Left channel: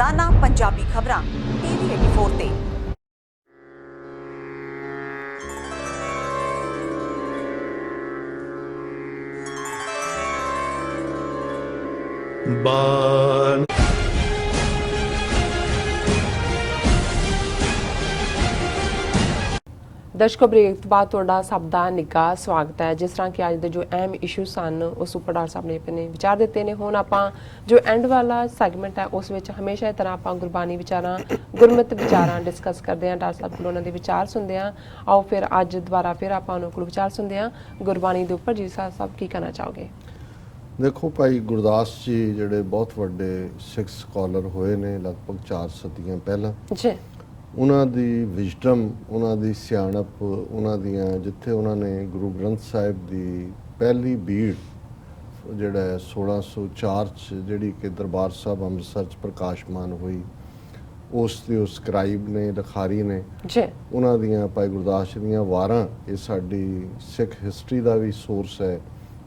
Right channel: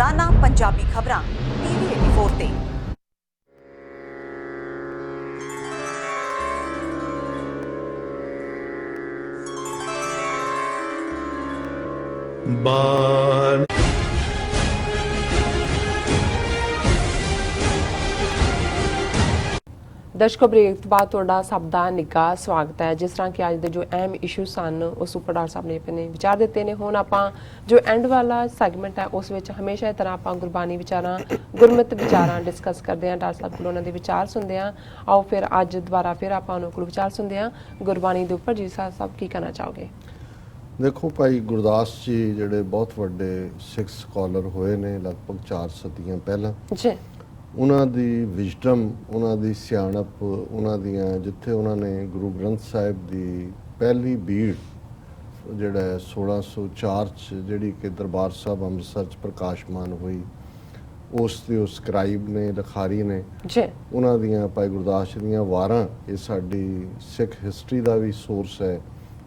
ਰੋਜ਼ਾਨਾ ਪੰਜਾਬੀ ਖਬਰਾਂ ਟੀਵੀ 84 ਤੇ। ਦਰਸ਼ਕੋ ਬ੍ਰੇਕ ਤੋਂ ਬਾਅਦ ਤੁਹਾਡਾ ਸਭ ਦਾ ਨਿੱਘਾ ਸਵਾਗਤ ਹੈ। ਜਿਸ ਤਰ੍ਹਾਂ ਕਿ ਅੱਜ ਦੇ ਜੋ ਅਹਿਮ ਇਸ਼ੂ ਸਨ ਉਸ ਉੱਪਰ ਡਾਕਟਰ ਸਾਹਿਬ ਨੇ ਆਪਣੇ ਵਿਚਾਰ ਦਿੱਤੇ ਨੇ। ਹੁਣ ਆਪਾਂ ਜੋ ਐਂਡ ਵਾਲਾ ਸੈਗਮੈਂਟ ਹੈ ਉਸ ਵਿੱਚ ਹਮੇਸ਼ਾ ਇਸ ਤਰ੍ਹਾਂ ਆਪਾਂ ਗੁਰਬਾਣੀ ਵਿਚਾਰਾਂ ਗੁਰਮਤਿ ਵਿਚਾਰਾਂ ਡਿਸਕਸ ਕਰਦੇ ਹਾਂ। ਡਾਕਟਰ ਸਾਹਿਬ ਕੋਲ ਉਹਨਾਂ ਦੇ ਵਿਚਾਰ ਸੁਣਦੇ ਹਾਂ। ਆਓ ਫਿਰ ਅੱਜ ਦੁਬਾਰਾ ਫਿਰ ਆਪਾਂ ਉਹਨਾਂ ਕੋਲ ਵਿਚਾਰ ਸੁਣਦੇ ਹਾਂ ਗੁਰਬਾਣੀ ਦੇ ਉੱਪਰ। ਜੀ ਸਾਹਿਬ ਕੀ ਕਹਿਣਾ ਚਾਹੋਗੇ? ਦੇਖੋ ਭਾਈ ਗੁਰਦਾਸ ਜੀ ਜਿਹੜੇ ਬਹੁਤ ਵੱਡੇ ਸਿੱਖ ਸਕਾਲਰ ਹੋਏ ਨੇ ਲਗਭਗ 4 ਸਦੀਆਂ ਪਹਿਲਾਂ, ਜੀ ਉਹਨਾਂ ਦੀ ਵਿਜ਼ਡਮ, ਉਹਨਾਂ ਦੀ ਸਿਆਣਪ, ਉਹਨਾਂ ਦੀਆਂ ਜਿੱਥੇ ਉਹਨਾਂ ਨੇ ਗੁਰੂ ਗ੍ਰੰਥ ਸਾਹਿਬ ਦੀ ਪਹਿਲੀ ਬੀੜ ਜਿਹੜਾ 1604 'ਚ ਜਿਹੜੀ ਕਿ ਦਰਬਾਰ ਸਾਹਿਬ ਅੰਮ੍ਰਿਤਸਰ 'ਚ ਪ੍ਰਕਾਸ਼ਮਾਨ ਹੋਈ, ਉਸ ਦੇ ਉਸ ਸਕਰਾਈਬ ਨੇ, ਲਿਖਾਰੀ ਨੇ, ਜੀ ਉਹਨਾਂ ਦੀਆਂ ਭਾਈ ਗੁਰਦਾਸ ਜੀ ਦੀਆਂ ਵਾਰਾਂ, ਇਹ ਸਾਡੀ ਸਿੱਖ ਹਿਸਟਰੀ ਦਾ ਵੀ ਸੋਰਸ ਹੈ,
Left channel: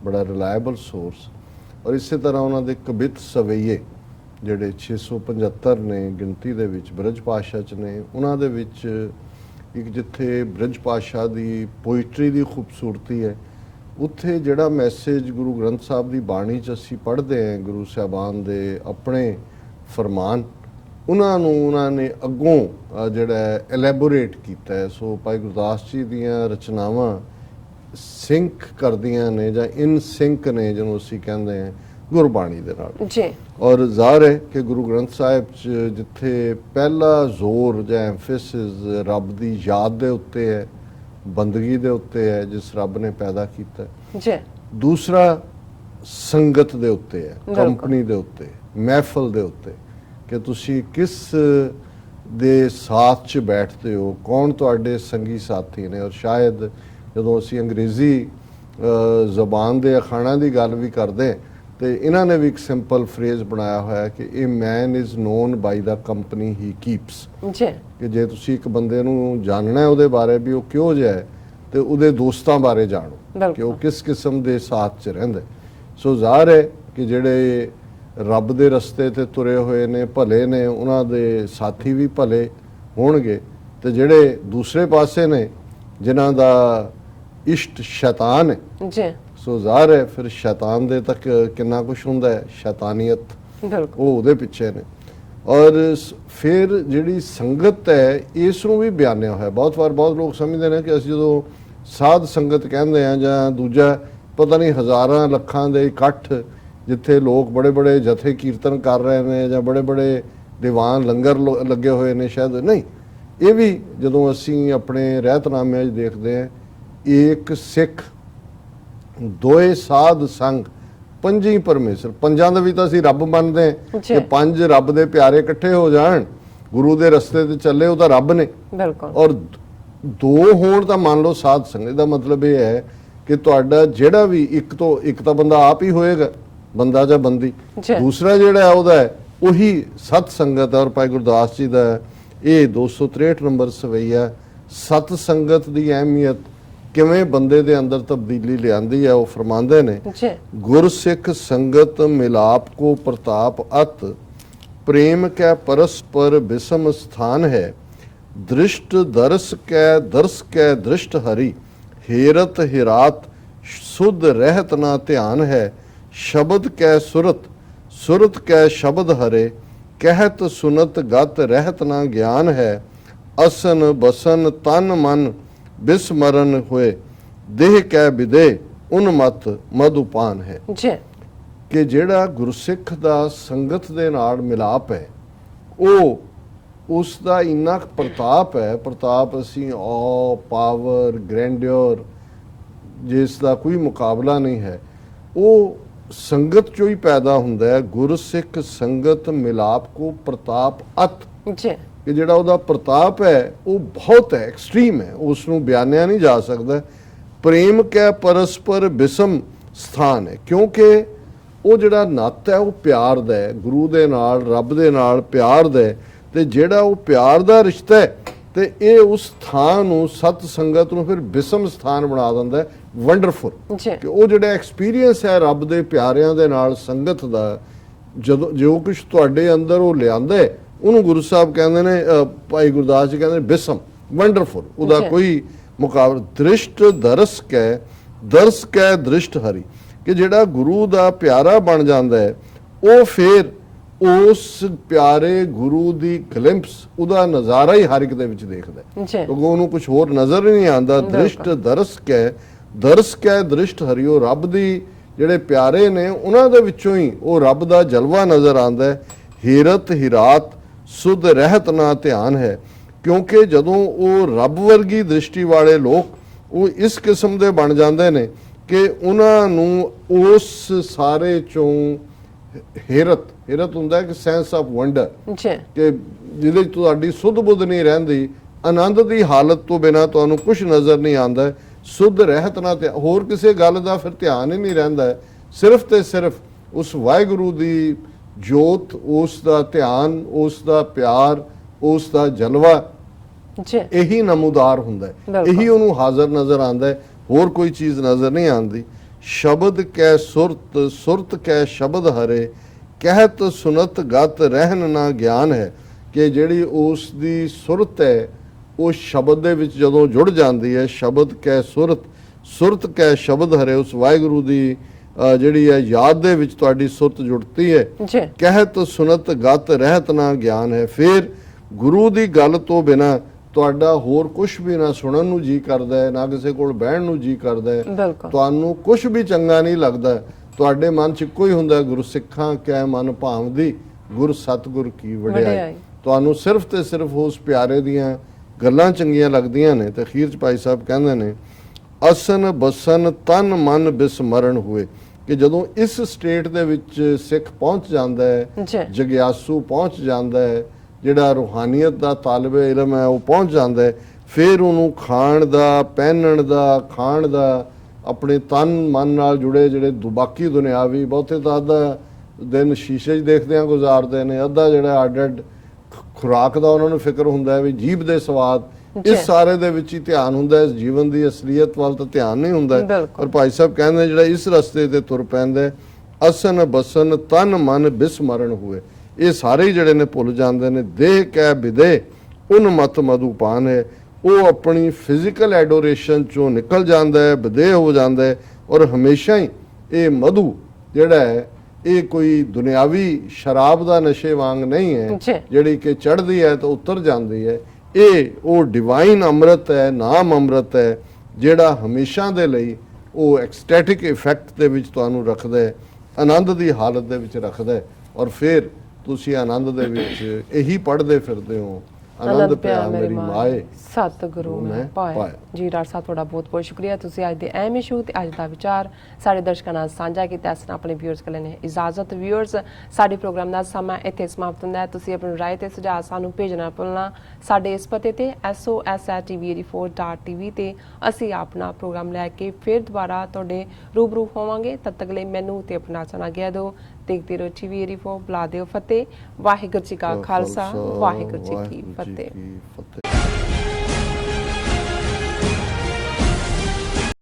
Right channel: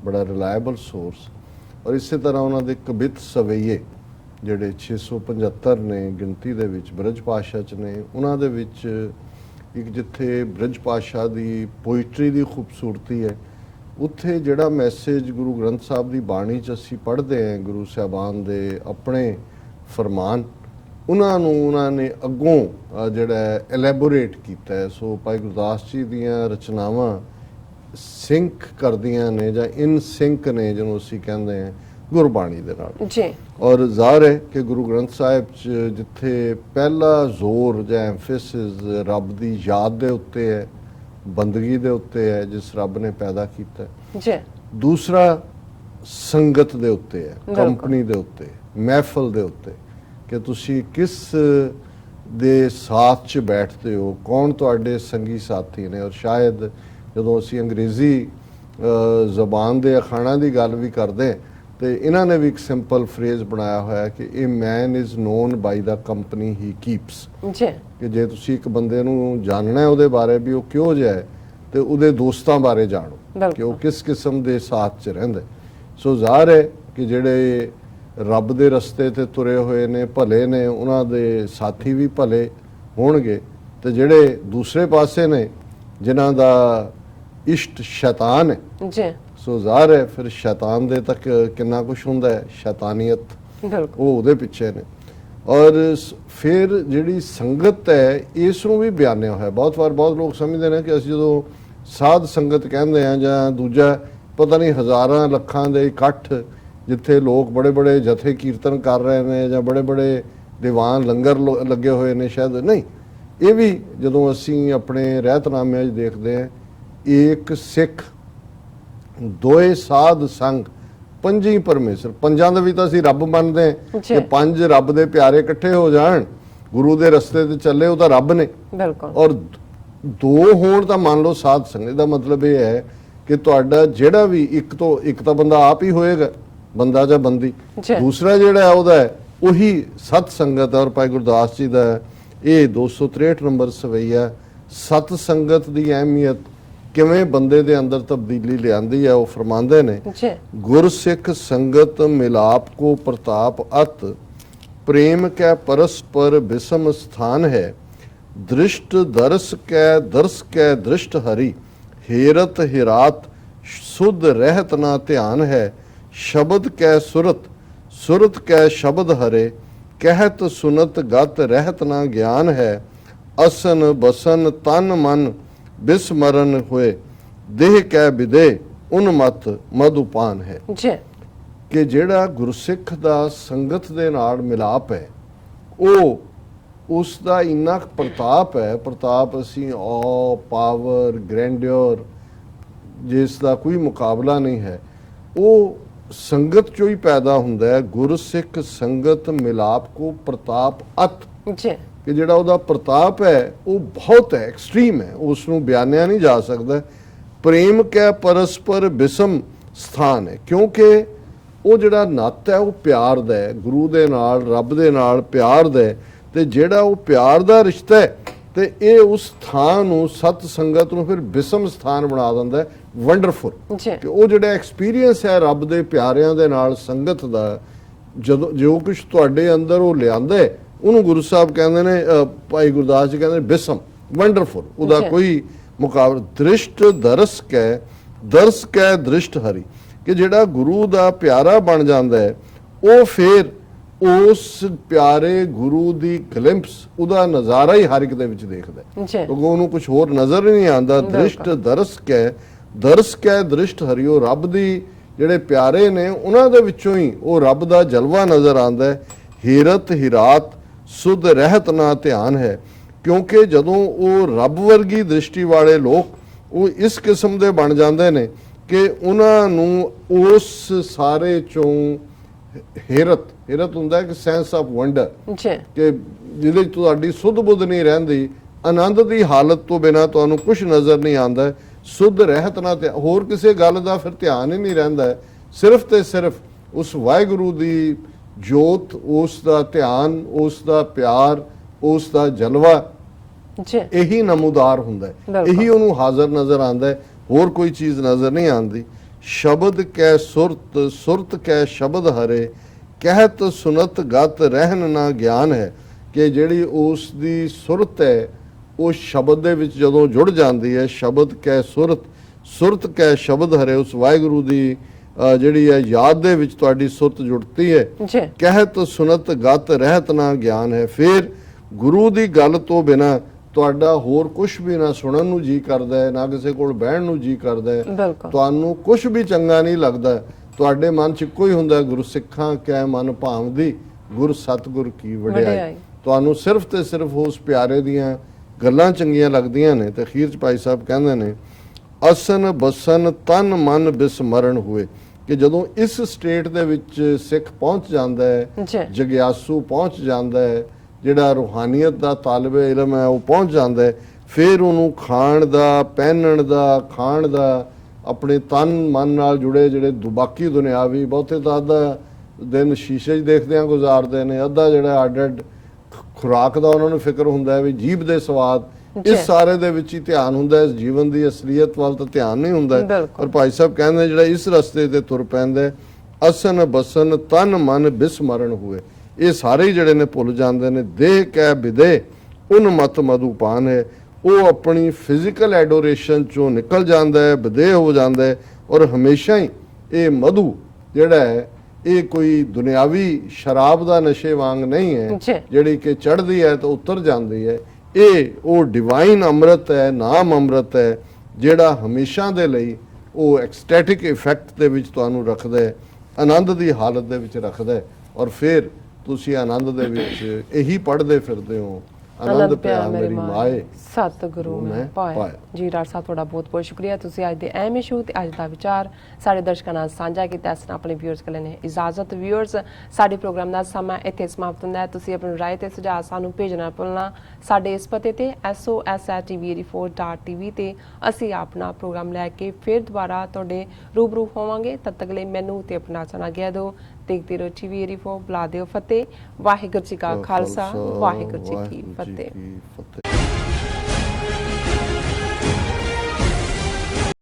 ਬੜਾ ਰਿਲਾਇਬਲ ਸੋਰਸ। ਔਰ ਇਸੇ ਤਰ੍ਹਾਂ ਉਹਨਾਂ ਦੇ ਕਵਿਤ ਸਵਈਏ ਜਿਹੜੇ 675 ਨੇ ਗਿਣਤੀ ਦੇ ਵਿੱਚ, ਬ੍ਰਜ ਭਾਸ਼ਾ 'ਚ ਨੇ। ਉਹਨਾਂ ਦੇ ਵਿੱਚ ਇੱਕ ਜਿੱਥੇ ਬ੍ਰਜ ਭਾਸ਼ਾ ਦੀ ਪੋਇਟਰੀ ਦੀ ਖੂਬਸੂਰਤੀ ਹੈ, ਉੱਥੇ ਜਿਹੜਾ ਮੈਸੇਜ ਗੁਰੂ ਗ੍ਰੰਥ ਸਾਹਿਬ ਦੀ ਬਾਣੀ 'ਚ ਅਸੀਂ ਪੜ੍ਹਦੇ ਹਾਂ, ਗੁਰੂ ਸਾਹਿਬਾਨ ਦੇ ਆਪਣੇ ਫਰਮਾਨ, ਉਹਨਾਂ ਨੇ ਅੱਗੋਂ ਜਿਹੜਾ ਐਲੈਬੋਰੇਟ ਕੀਤਾ ਹੈ। ਸੋ ਭਾਈ ਗੁਰਦਾਸ ਜੀ ਦੀਆਂ ਰਚਨਾਵਾਂ ਸਿੰਕ ਕਰਦੀਆਂ ਨੇ ਜਾਂ ਇਨ ਸਿੰਕ ਨੇ, ਜਿਹਨੂੰ ਅਸੀਂ ਕਹਿੰਦੇ ਹਾਂ ਗੁਰਬਾਣੀ ਦੇ ਨਾਲ। ਜੀ ਔਰ ਜ਼ਾਹਰ ਹੈ ਕਿ ਗੁਰੂ ਗ੍ਰੰਥ ਸਾਹਿਬ 'ਚ ਜਿੱਥੇ ਪਹਿਲਾ ਜ਼ੋਰ ਜਾਂ ਐਮਫੈਸਿਸ ਰੱਬ ਦੀ ਯਾਦ ਦੇ ਉੱਤੇ ਹੈ, ਬੰਦਗੀ ਦੇ ਉੱਤੇ ਹੈ ਜਿਸ ਰੱਬ ਨੇ ਪੈਦਾ ਕੀਤਾ, ਜੀ ਦੂਸਰਾ ਸੰਗਤ ਦੇ ਉੱਤੇ ਹੈ, ਕੰਪਨੀ ਦੇ ਉੱਤੇ, ਮਹਿਫਲ ਦੇ ਉੱਤੇ, ਕਿ ਤੁਸੀਂ ਕਿਸ ਦੇ ਸਾਥ 'ਚ ਬੈਠਦੇ ਹੋ, ਕੌਣ ਤੁਹਾਡੇ ਸੰਗੀ ਸਾਥੀ ਨੇ। ਔਰ ਸ਼ਾਇਦ ਜਦੋਂ ਅਸੀਂ ਅੰਗਰੇਜ਼ੀ ਜ਼ਬਾਨ ਦੇ ਅਖਾਣਾਂ ਦੀ ਗੱਲ ਵੀ ਕਰਦੇ ਤੇ ਇਹਨਾਂ ਨੇ ਵੀ ਇੱਕ ਸਿੰਪਲ ਫਰੇਜ਼ ਬਣਾਇਆ ਹੋਇਆ ਕਿ ਇਹ man is known by the company he keeps. ਜੀ ਕਿ ਜੇ ਤੁਸੀਂ ਇੱਕ ਬੰਦੇ ਨੂੰ ਜਾਣਨਾ ਹੈ ਉਹਦੇ ਬਾਰੇ ਵੀ ਉਹ ਕਿਹੋ ਜਿਹਾ ਹੈ, ਤੇ ਉਹਦੇ ਦੋਸਤਾਂ ਬਾਰੇ ਜਾਣੋ ਕਿ ਉਹ ਕਿਸ ਕਿਸਮ ਦੇ ਸਾਥ 'ਚ ਰਹਿੰਦੇ। ਸੋ ਜ਼ਾਹਰ ਹੈ ਕਿ ਜਿਹੜੇ ਰੱਬ ਦੇ ਰਸਤੇ ਤੇ ਤੁਰੇ ਹੋਏ ਨੇ, ਭਲੇ ਨੇ, ਉਹਨਾਂ ਦੇ ਸਾਥੀ ਵੀ ਭਲੇ ਹੋਣਗੇ, ਤੇ ਜਿਹੜੇ ਦੂਸਰੇ ਪਾਸੇ ਨੇ ਜਿਨ੍ਹਾਂ ਦਾ ਇਸ਼ਟ ਸ਼ੈਤਾਨ ਹੈ, ਜੀ ਸੋ ਜ਼ਾਹਰ ਹੈ ਫਿਰ ਸ਼ੈਤਾਨ ਦੇ ਤੱਕ ਕਿੰਨਾ ਕੁਛ ਹੁੰਦਾ ਹੈ, ਸ਼ੈਤਾਨੀਅਤ, ਉਹ ਉਹਦੇ ਪਿੱਛੇ ਨੇ। ਔਰ ਫਿਰ ਜਿਹੜੀ ਸੰਗਤ ਹੈ, ਇਸ ਨੂੰ ਵੀ ਬਿਆਨਿਆ ਹੋਇਆ। ਬਹੁਤ ਵਾਰ ਬਹੁਤ ਲੋਕ ਸਮਝਦੇ ਨੇ ਕਿ ਅਸੀਂ ਜਦੋਂ ਸਾਧ ਸੰਗਤ ਕਹਿੰਦੇ ਹਾਂ ਜਾਂ ਦੂਜਾ ਪਤਾ ਨਹੀਂ ਹਜ਼ਾਰਾਂ ਲੱਖਾਂ ਦੇ ਇਕੱਠ ਜਿੱਥੇ ਲੋਕ ਬੜੇ ਬੜੇ ਜਥੇ ਕੀਰਤਨ ਕਰ ਰਹੇ ਨੇ ਜਾਂ ਬੜੇ ਬੜੇ ਦੀਵਾਨ ਲੰਗਰ ਲੱਗੇ ਹੋਏ ਨੇ, ਸ਼ਾਇਦ ਨਹੀਂ। ਇਹ ਵੀ ਜਦੋਂ ਅਸੀਂ ਆਪਣੇ ਰਹਿਤਨਾਮਿਆਂ 'ਚ ਦੇਖਦੇ ਹਾਂ, ਇੱਕ ਸਿੱਖ ਦੋਏ ਸਾਧ ਸੰਗ ਪੰਜੀ ਪਰਮੇਸ਼ਰ, ਪੰਜਾਂ ਦਾ ਵੀ ਤਾਂ ਅਸੀਂ ਰੱਬ ਮੰਨਦੇ ਹਾਂ ਕਿ 5 ਰੱਬ ਦੇ ਪਿਆਰੇ ਇਕੱਠੇ ਹੋ ਜਾਣ, ਗੁਰੂ ਦੇ ਰਸਤੇ ਤੇ ਚੱਲੇ, ਉਹ ਤਾਂ ਰੱਬ ਨੇ। ਬਿਲਕੁਲ। ਔਰ 2 ਹੋਣ ਤਾਂ ਮੰਨ ਲਓ ਸਾਧ ਸੰਗਤ ਦਾ ਮਤਲਬ ਇਹ ਹੈ ਕਿ ਤੁਹਾਡਾ ਜਿਹੜਾ ਵੀ ਇੱਕ ਤਾਂ ਬੰਦਾ ਆਪ ਹੀ ਹੋਏਗਾ, ਬੰਦਾ ਜਾਂ ਬੰਦੀ, ਦੂਸਰਾ ਜਿਹੜਾ ਉਹਦਾ ਹੈ ਉਹੀ ਸਤ ਸੰਗਤ। ਔਰ ਭਾਈ ਗੁਰਦਾਸ ਜੀ ਦਾ ਇਹ 263 ਨੰਬਰ ਸਵਈਆ ਸਤ ਸੰਗਤ ਦੀ ਅਹਿਮੀਅਤ ਕਿਵੇਂ ਬੰਦੇ ਦੇ ਅੰਦਰ ਤਬਦੀਲੀ ਲਿਆਂਦੀ ਹੈ, ਉਹ ਫਰਮਾਉਂਦੇ ਨੇ, ਗੁਰਸਿੱਖ ਸੰਗਤ ਮਿਲਾਪ ਕੋ ਪ੍ਰਤਾਪ ਅਤ, ਪ੍ਰੇਮ ਕੈ ਪਰਸਪਰ ਬਿਸਮ ਸਥਾਨ ਹੈ, ਦ੍ਰਿਸ਼ਟ ਦਰਸ ਕੈ ਦ੍ਰਿਸ਼ਟ ਹਰੀ, ਹੇਰਤ ਹਿਰਾਤ ਸੁਧ ਰਹਿਤ ਨਾ ਧਿਆਨ ਹੈ, ਸ਼ਬਦ ਕੈ ਸੁਰਤ ਕੈ ਸ਼ਬਦ ਹਰੇ, ਕਹਿਤ ਸੁਨਤ ਗਤ ਰਹਿਤ ਨਾ ਗਿਆਨ ਹੈ, ਅਸਨ ਬਸਨ ਤਨ ਮਨ ਬਿਸਮਰਨ ਹੋਏ, ਦੇਹ ਕੈ ਵਿਦੇ ਉਨਮਤ ਮਧੁਪਾਨ ਹੈ। ਕਿ ਜਿਹੜਾ ਗੁਰਸਿੱਖ ਦਾ ਸੰਗਤ ਦੇ ਨਾਲ ਮਿਲਾਪ ਹੈ, ਉਹ ਉਸ ਦਾ ਇੰਨਾ ਪ੍ਰਤਾਪ ਹੈ, ਪ੍ਰਤਾਪ ਅਸੀਂ ਪਾਵਰ, ਗ੍ਰੈਂਡਿਓਰ, ਜਿਸ ਦਾ ਕੋਈ ਮੁਕਾਬਲਾ ਨਹੀਂ ਹੈ, ਉਹ ਸੰਗਤ ਚੋਂ ਹੀ ਪੈਦਾ ਹੁੰਦਾ ਹੈ। ਗੁਰਸਿੱਖ ਸੰਗਤ ਮਿਲਾਪ ਕੋ ਪ੍ਰਤਾਪ ਅਤ, ਕਿ ਜਿਹੜਾ ਉਹਦਾ ਪ੍ਰਤਾਪ ਹੈ ਉਹ ਬਹੁਤ ਹੈ, ਐਕਸਟ੍ਰੀਮ ਹੈ, ਉਸ ਨੂੰ ਬਿਆਨਿਆ ਨਹੀਂ ਜਾ ਸਕਦਾ। ਪ੍ਰੇਮ ਕੈ ਪਰਸਪਰ ਬਿਸਮ ਸਥਾਨ ਹੈ, ਕਿਉਂਕਿ ਉਹ ਜਿਹੜਾ ਨਾਤਾ ਹੈ ਉਹ ਪਿਆਰ ਦਾ ਹੈ, ਗੁਰੂ ਦੇ ਨਾਲ, ਰੱਬ ਦੇ ਨਾਲ ਪਿਆਰ ਦਾ ਹੈ, ਤੇ ਜਿਹੜਾ ਉਹ ਪਿਆਰ ਦਾ ਰਿਸ਼ਤਾ ਹੈ ਤੇ ਇਹ ਉਸ ਥਾਂ ਨੂੰ, ਸਤ ਸੰਗਤ ਨੂੰ ਫਿਰ ਬਿਸਮ ਸਥਾਨ ਬਣਾ ਦਿੰਦਾ ਹੈ। ਵੰਡਰਫੁਲ ਕਿ ਉਹ ਜਿਹੜਾ ਐਕਸਪੀਰੀਅੰਸ ਹੈ ਰੱਬ ਦੇ ਪਿਆਰਿਆਂ ਦੇ ਨਾਲ ਸੰਗਤ ਦਾ, ਜਦੋਂ ਜੋ ਕੁਝ ਤੁਹਾਡੇ ਅੰਦਰ ਉਹ ਲਿਆਂਦਾ ਹੈ, ਉਹਨੂੰ ਗੁਰੂ ਸਾਹਿਬ ਕਹਿੰਦੇ ਨੇ, ਭਾਈ ਗੁਰਦਾਸ ਜੀ ਕਹਿੰਦੇ ਬਿਸਮ, ਵੰਡਰਫੁਲ, ਉਹਦਾ ਕੋਈ ਮੁਕਾਬਲਾ। ਦ੍ਰਿਸ਼ਟ ਦਰਸ ਕੈ ਦ੍ਰਿਸ਼ਟ ਹਰੀ, ਕਿ ਜਿਹੜਾ ਗੁਰੂ ਦਾ ਪਿਆਰਾ ਬਣ ਜਾਂਦਾ ਹੈ ਉਹ ਫਿਰ ਉਸ ਪਿਆਰੇ ਗੁਰੂ ਦੀ ਗਲਿੰਪਸ, ਉਹਦਾ ਨਜ਼ਾਰਾ ਹੀ ਹਰ ਇੱਕ ਦੇ ਵਿੱਚ ਦੇਖਦਾ ਹੈ, ਕਿਉਂਕਿ ਉਹਨੂੰ ਕੁਝ ਹੋਰ ਨਜ਼ਰ ਹੀ ਨਹੀਂ ਆਉਂਦਾ। ਦ੍ਰਿਸ਼ਟ ਦਰਸ ਕੈ ਦ੍ਰਿਸ਼ਟ ਹਰੀ, ਉਹ ਰੱਬ ਦੀ ਜਿਹੜੇ ਪਿਆਰੇ ਨੇ ਉਹਨਾਂ ਦੇ ਵਿੱਚੋਂ ਹੀ ਉਹ ਰੱਬ ਦਾ ਜਲਵਾ ਨਜ਼ਰ ਆਉਂਦਾ ਹੈ। ਹੀਰਤ ਹੀਰਾਤ ਸੁਧ ਰਹਿਤ ਨਾ ਧਿਆਨ ਹੈ, ਕਿਉਂਕਿ ਜਦੋਂ ਉਹ ਰੱਬ ਵਰਗੀ ਦ੍ਰਿਸ਼ਟੀ ਵਾਲੇ ਲੋਕ ਉਹ ਇਸ ਕਿਸਮ ਦੇ ਬਣ ਜਾਂਦੇ ਨੇ ਕਿ ਉਹਨਾਂ ਨੂੰ ਉਸ ਸਾਰੇ ਚੋਂ ਹੀਰਤ ਹੁੰਦਾ ਹੈ ਕਿ ਸੈਂਸ ਆਫ ਵੰਡਰ, ਕਿ ਜਿਹਦੇ ਚ ਤੁਹਾਡੀ ਸੁੱਧ ਬੁੱਧ ਨਹੀਂ ਰਹਿੰਦੀ, ਆਨੰਦ ਦੀ ਹਾਲਤ ਤੋਂ ਬਿਨਾ ਤੁਹਾਨੂੰ ਕੁਝ ਨਜ਼ਰ ਨਹੀਂ ਆਉਂਦਾ। ਸੁੱਧ ਰਹਿਤ ਨਾ, ਤੇ ਹੋਰ ਕਿਸੇ ਗੱਲ ਦਾ ਫਿਰ ਧਿਆਨ ਹੀ ਨਹੀਂ ਰਹਿੰਦਾ, ਸਿਰਫ ਤੇ ਸਿਰਫ ਉਸ ਵਾਹਿਗੁਰੂ ਦੀ ਜੋਤ, ਉਸ ਦਾ ਧਿਆਨ, ਉਸ ਦਾ ਪਿਆਰ, ਉਸ ਦਾ ਜਲਵਾ, ਇਹੀ ਨਮੂਦਾਰ ਹੁੰਦਾ ਹੈ, ਇਹੀ ਉਹਨੂੰ ਹਾਜ਼ਰ ਨਜ਼ਰ ਆਉਂਦਾ ਹੈ, ਹੋਰ ਕੋਈ ਚੀਜ਼ ਨਜ਼ਰ ਨਹੀਂ ਆਉਂਦੀ। ਸ਼ਬਦ ਕੈ ਸੁਰਤ ਕੈ ਸ਼ਬਦ ਹਰੇ, ਕਹਿਤ ਸੁਨਤ ਗਤ ਰਹਿਨ ਨਾ ਗਿਆਨ ਹੈ, ਕਿ ਜਿਹੜੀ ਉਸ ਦੀ ਸੁਰਤ ਹੈ ਉਹ ਸ਼ਬਦ ਦੇ ਵਿੱਚ ਜਦੋਂ ਜੁੜ ਜਾਂਦੀ ਹੈ, ਸ਼ਬਦ ਕੈ ਸੁਰਤ ਕੈ ਸ਼ਬਦ ਹਰੇ, ਉਸ ਵਾਹਿਗੁਰੂ ਦੀ ਜਿਹੜੀ ਹੈ ਯਾਦ ਦੇ ਵਿੱਚ ਤੁਹਾਡੀ ਸੁਰਤ ਜੁੜਤੀ ਹੈ। ਕਹਿਤ ਸੁਨਤ ਗਤ ਰਹਿਤ ਨਾ ਗਿਆਨ ਹੈ, ਫਿਰ ਗੁਰੂ ਦੀ ਗੱਲ ਤੋਂ ਬਿਨਾ ਤੁਹਾਡਾ ਹੋਰ ਕੁਝ ਵੀ ਨਾ ਸੁਣਨ ਨੂੰ ਜੀ ਕਰਦਾ ਹੈ, ਨਾ ਕਿਸੇ ਕੋਲ ਬਹਿਣ ਨੂੰ ਜੀ ਕਰਦਾ ਹੈ, ਤੁਹਾਨੂੰ ਕੁਝ ਵੀ ਚੰਗਾ ਨਹੀਂ ਲੱਗਦਾ। ਤੁਹਾਡੇ ਮਨ 'ਚ ਇੱਕੋ ਹੀ ਹੁੰਦਾ, ਗੁਰੂ ਸਿੱਖਾਂ ਕੈ ਮਨ ਭਾਵਦੀ, ਗੁਰ ਸਤਿਗੁਰ ਕੀ ਵਡਿਆਈ। ਤੁਹਾਨੂੰ ਸਿਰਫ ਤੇ ਸਿਰਫ ਉਸ ਪਿਆਰੇ ਦੀਆਂ ਗੱਲਾਂ ਚੰਗੀਆਂ ਲੱਗਦੀਆਂ ਨੇ। ਤੇ ਅਖੀਰ 'ਚ ਭਾਈ ਸਾਹਿਬ ਕਹਿੰਦੇ ਨੇ, ਅਸਨ ਬਸਨ ਤਨ ਮਨ ਬਿਸਮਰਨ ਹੋਏ, ਕਿ ਜਦੋਂ ਇਸ ਸਟੇਟ ਦੇ ਵਿੱਚ ਸਿੱਖ ਪਹੁੰਚ ਜਾਂਦਾ ਹੈ, ਜਗਿਆਸੂ ਪਹੁੰਚ ਜਾਂਦਾ ਹੈ, ਜਿਹੜਾ ਰੂਹਾਨੀਅਤ ਦਾ ਤਾਲਬੇ ਇਲਮ ਹੈ ਉਹ ਪਹੁੰਚ ਜਾਂਦਾ ਹੈ, ਫਿਰ ਉਹਨੂੰ ਖਾਣ ਦਾ, ਪਹਿਨਣ ਦਾ, ਖਾਣ ਦਾ, ਆਪਣੇ ਤਨ ਮਨ ਨਾਲ ਜੁੜੇ ਜਿਹੜੇ ਬਾਕੀ ਦੁਨਿਆਵੀ, ਬਹੁਤੇ ਤਾਂ ਅੱਧਾ ਦਿਨ ਸ਼ੀਸ਼ੇ 'ਚ ਦੇਖਦਿਆਂ ਗੁਜ਼ਾਰਦੇ ਨੇ, ਅੱਧਾ ਜਿਹੜਾ ਅੱਡ ਖੁਰਾਕ ਦਾ ਉਹਨਾਂ ਨੂੰ ਫਿਕਰ ਹੁੰਦਾ ਹੈ ਵੀ ਜੀਭ ਦੇ ਸਵਾਦ, ਇਸ ਸਾਰੇ ਦੇ ਵਿੱਚ ਹੀ ਧਿਆਨ ਹੁੰਦਾ ਹੈ, ਇਸ ਜੀਵਨ ਦੀ ਅਸਲੀਅਤ ਵੱਲ ਤਾਂ ਧਿਆਨ ਨਹੀਂ ਹੁੰਦਾ। ਪਰ ਭਾਈ ਸਾਹਿਬ ਕਹਿੰਦੇ ਜਿਹੜਾ ਇਸ ਰਸਤੇ ਤੇ ਤੁਰ ਪੈਂਦਾ, ਅਸਨ ਬਸਨ ਤਨ ਮਨ ਬਿਸਮਰਨ ਹੋਏ, ਇਹ ਸਾਰੇ ਜਿਹੜੇ ਨੇ ਭੁੱਲ ਜਾਂਦੇ ਨੇ। ਦੇਹ ਕੈ ਵਿਦੇ ਉਨ ਮਤ ਮਧੂਪਾਨ ਹੈ, ਉਹ ਆਪਣੀ ਫਿਜ਼ੀਕਲ ਐਡੋਰੇਸ਼ਨ ਚੋਂ ਨਿਕਲ ਜਾਂਦਾ ਹੈ, ਵਿਦੇਹ ਹੋ ਜਾਂਦਾ ਹੈ, ਔਰ ਹਮੇਸ਼ਾ ਹੀ ਇਹ ਮਧੂ ਜਿਹੜਾ ਹੈ ਇਹ ਕੋਈ ਦੁਨਿਆਵੀ ਸ਼ਰਾਬ ਦਾ ਨਸ਼ੇ ਵਾਂਗ ਨਹੀਂ ਹੈ, ਜਿਹੜੀ ਕਿ ਚੜ੍ਹਦੀ ਹੈ ਤਾਂ ਉਤਰ ਜਾਂਦੀ ਹੈ। ਇਹ ਉਹ ਡਿਵਾਈਨ ਅੰਮ੍ਰਿਤ ਹੈ, ਨਾਮ ਅੰਮ੍ਰਿਤ ਹੈ, ਜਿਹੜਾ ਹਮੇਸ਼ਾ ਦੇ ਲਈ ਉਹ ਐਕਸਟੈਟਿਕ ਇਫੈਕਟ ਦੇ ਵਿੱਚ ਤੁਹਾਨੂੰ ਰੱਖਦਾ ਹੈ, ਆਨੰਦ ਦੀ ਹਾਲਤ ਦੇ ਵਿੱਚ ਰੱਖਦਾ ਹੈ, ਔਰ ਫਿਰ ਤੁਸੀਂ ਆਨੰਦ ਦੇ ਵਿੱਚ ਇਹੀ ਪੜ੍ਹਦੇ ਫਿਰਦੇ ਹੋ, ਆਨੰਦ ਪਿਆ ਮੇਰੀ ਮਾਏ ਸਤਿਗੁਰੂ ਮੈਂ ਪਾਏ। ਜੀ ਡਾਕਟਰ ਸਾਹਿਬ ਤੁਹਾਡਾ ਬਹੁਤ ਬਹੁਤ ਸ਼ੁਕਰੀਆ, ਤੁਸੀਂ ਅੱਜ ਦੇ ਅਹਿਮ ਇਸ਼ੂ ਤੇ ਅੱਜ ਦਾ ਵਿਚਾਰ ਸਾਡੇ ਦਰਸ਼ਕਾਂ ਨਾਲ ਸਾਂਝਾ ਕੀਤਾ। ਇਸ ਨਾਲ ਆਪਣੇ ਵਿਊਅਰਸ ਕੋਲ ਨੇ ਇਜਾਜ਼ਤ। ਵਿਊਅਰਸ, ਸਾਡੇ ਪ੍ਰੋਗਰਾਮ ਦਾ ਸਮਾਂ ਇੱਥੇ ਸਮਾਪਤ ਹੁੰਦਾ ਹੈ। ਤੁਸੀਂ ਆਪਣੀ ਰਾਏ ਤੇ ਸੁਝਾਅ ਸਾਨੂੰ ਭੇਜਣਾ ਭੁੱਲਣਾ। ਸਾਡੇ ਇਸ ਪਤੇ ਤੇ sos@tv84.tv ਤੇ ਅਸੀਂ ਆਪਣਾ ਪ੍ਰੋਗਰਾਮ ਲੈ ਕੇ ਫਿਰ ਦੁਬਾਰਾ ਤੁਹਾਡੇ ਰੂਬਰੂ ਹੋਵਾਂਗੇ। ਤਦ ਤੱਕ ਲਈ ਮੈਨੂੰ ਤੇ ਆਪਣਾ ਸੁਣਾ ਗਿਆ ਦਿਓ। ਦੇਖਦੇ ਰਹੋ TV84। ਬੁਲਾ ਦਿਓ ਫਤਿਹ। ਵਾਹਿਗੁਰੂ ਜੀ ਕਾ ਖਾਲਸਾ, ਵਾਹਿਗੁਰੂ ਜੀ ਕੀ ਫਤਿਹ।